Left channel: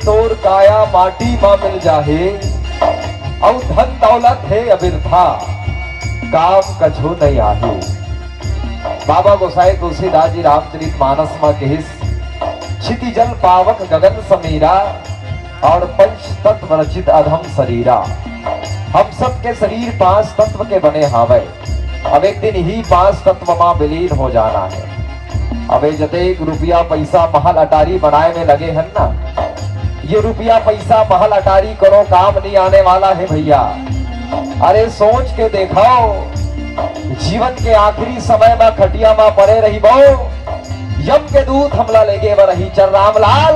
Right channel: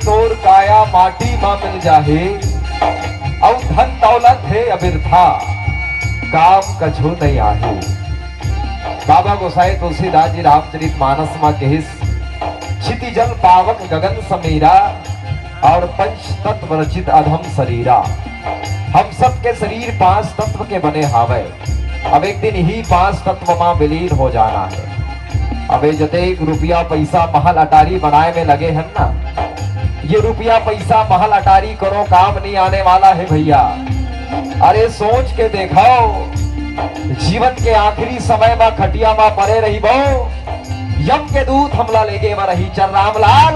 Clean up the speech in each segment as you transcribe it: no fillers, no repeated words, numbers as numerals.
तोर काया माटी मां मिल जाहे, औ धन दौलत है अबिरथा, काम कछो नहीं आहे। बाबा गोसाई तुलसीदास जी रामचरितमानस में कहिस, क्षिति जल पावक गगन समीरा, और पंच तत्व रचित अधम शरीरा। हम सब के शरीर 5 तत्व के बने हावे। अब एक दिन ही 5 तत्व में विलीन हो जाना है। अब जते रुपया पैसा महल अटारी बनाए में लगे हैं ना, ये रुपया पैसा महल अटारी करो काम नहीं आने वाला है भैया। अरे सोच के देखाओ, जीवन के आखिरी समय में खटिया में पड़े रही बो, यम के दूत हमला लेगे व रही चल रामलाल,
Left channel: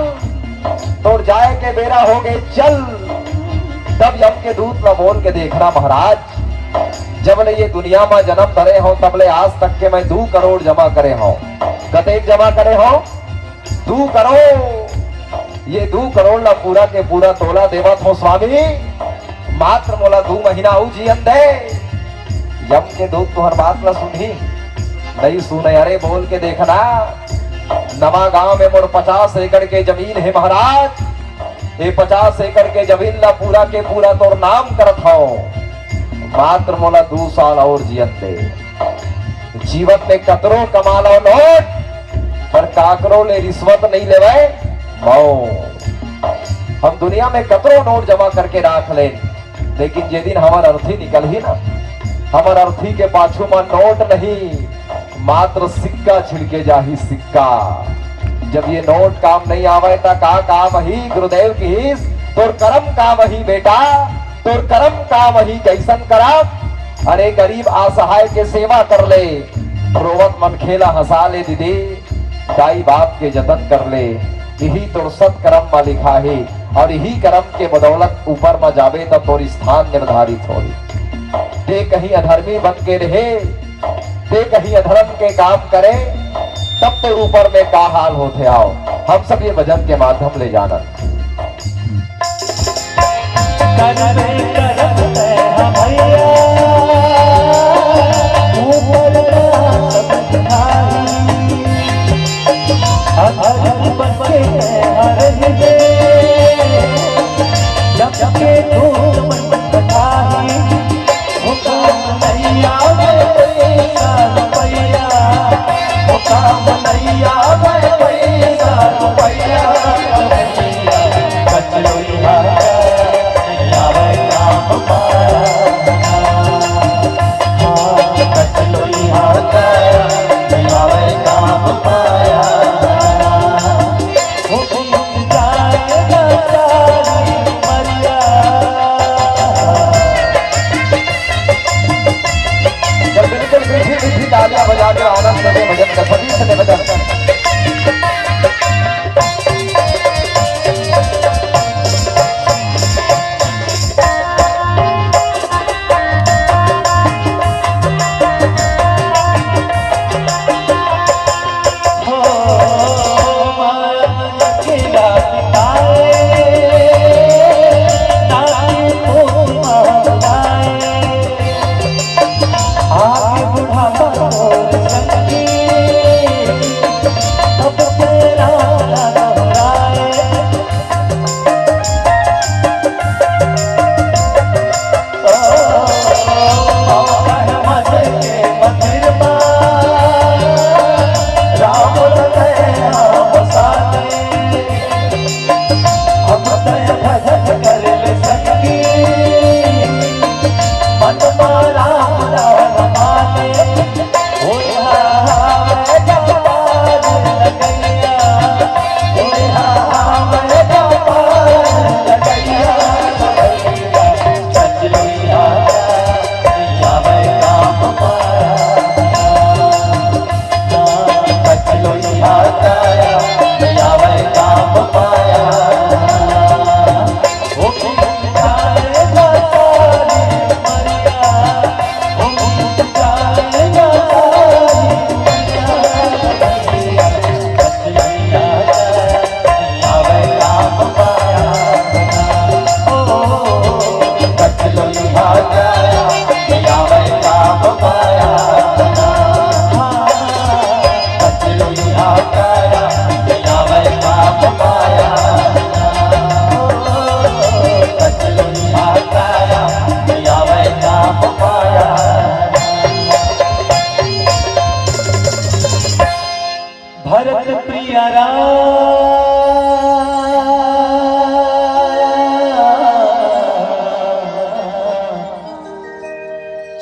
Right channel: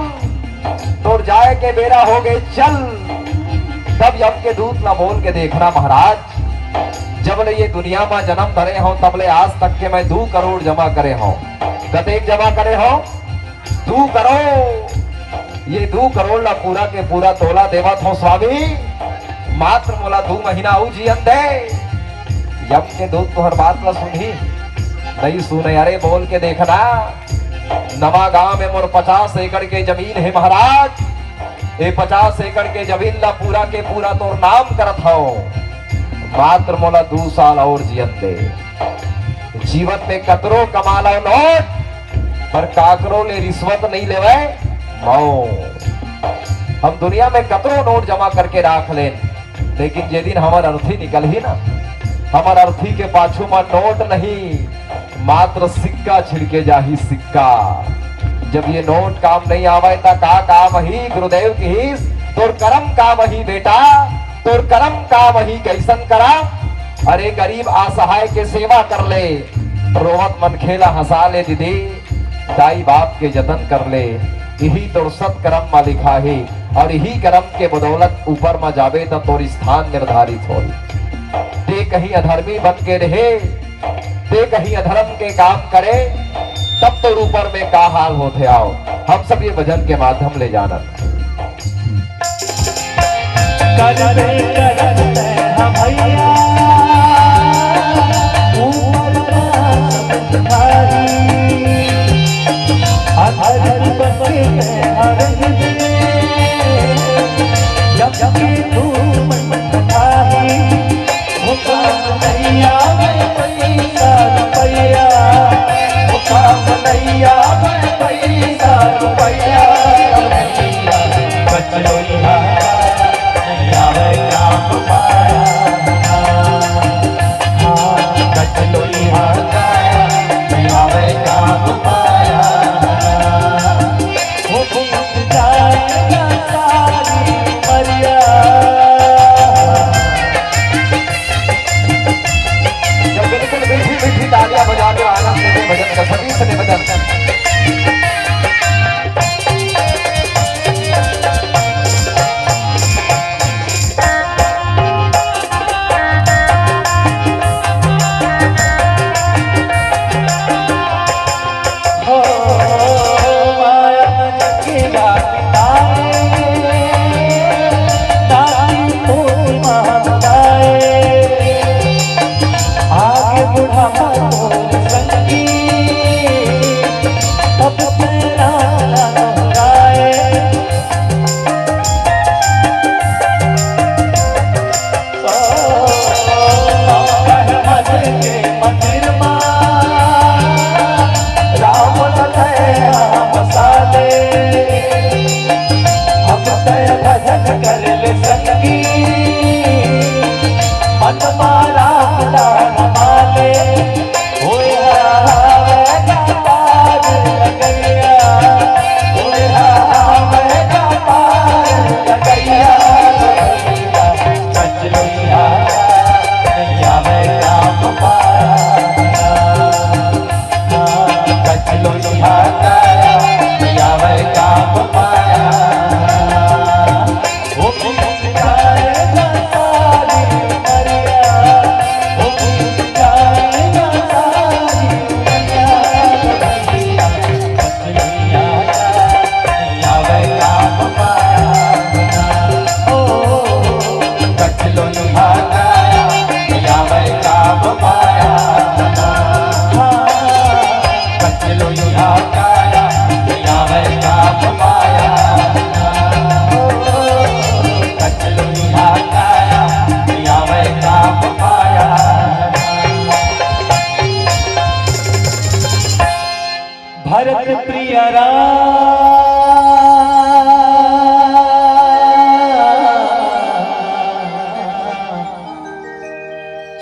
तोड़ जाए के बेरा हो गए चल। तब यम के दूत न बोल के देखना महाराज, जब ले ये दुनिया में जन्म धरे हो तब ले आज तक के मैं 2 करोड़ जमा करे हो। कतेक जमा करे हो? 2 करोड़। ये 2 करोड़ ला पूरा के पूरा तोला देवत हो स्वामी, मात्र मोला 2 महीना आऊ जीवन दे। यम के दूत तो हर बात ला सुनी नहीं सुने, अरे बोल के देखना, नवा गांव में मोर 50 एकड़ के जमीन है महाराज। ये 50 एकड़ के जमीन ला पूरा के पूरा तोर नाम करत हो, मात्र मोला 2 साल और जीवन दे। जीवन में कतरो कमा लो नोट, पर काकरो ले रिश्वत नहीं लेवे मौ। हम दुनिया में कतरो नोट जमा करके राख ले, लेकिन जे दिन हमार अर्थी निकल ही ना, हमार अर्थी के पाछू में नोट नहीं, मात्र सिक्का छिड़के जाही सिक्का। जब ये नोट काम नहीं आवे ता का काम ही गुरुदेव की, तोर कर्म काम ही बेटा, तोर कर्म काम ही कैसन करम। अरे गरीब असहाय के सेवा कर ले, रोवत मन खेला हंसा ले दीदी, दाई बाप के जतन कर ले, यही तोर सत्कर्म में लिखा है। और यही कर्म के बदौलत ऊपर में जावे तब तोर स्थान निर्धारित हो। ते कहीं अधर्मी बन के रहे, ते कहीं अधर्म के काम करे, तब तो ऊपर में का हाल होते आओ। हम सब ये भजन के माध्यम ले जाना।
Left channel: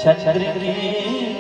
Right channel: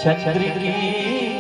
चंद्री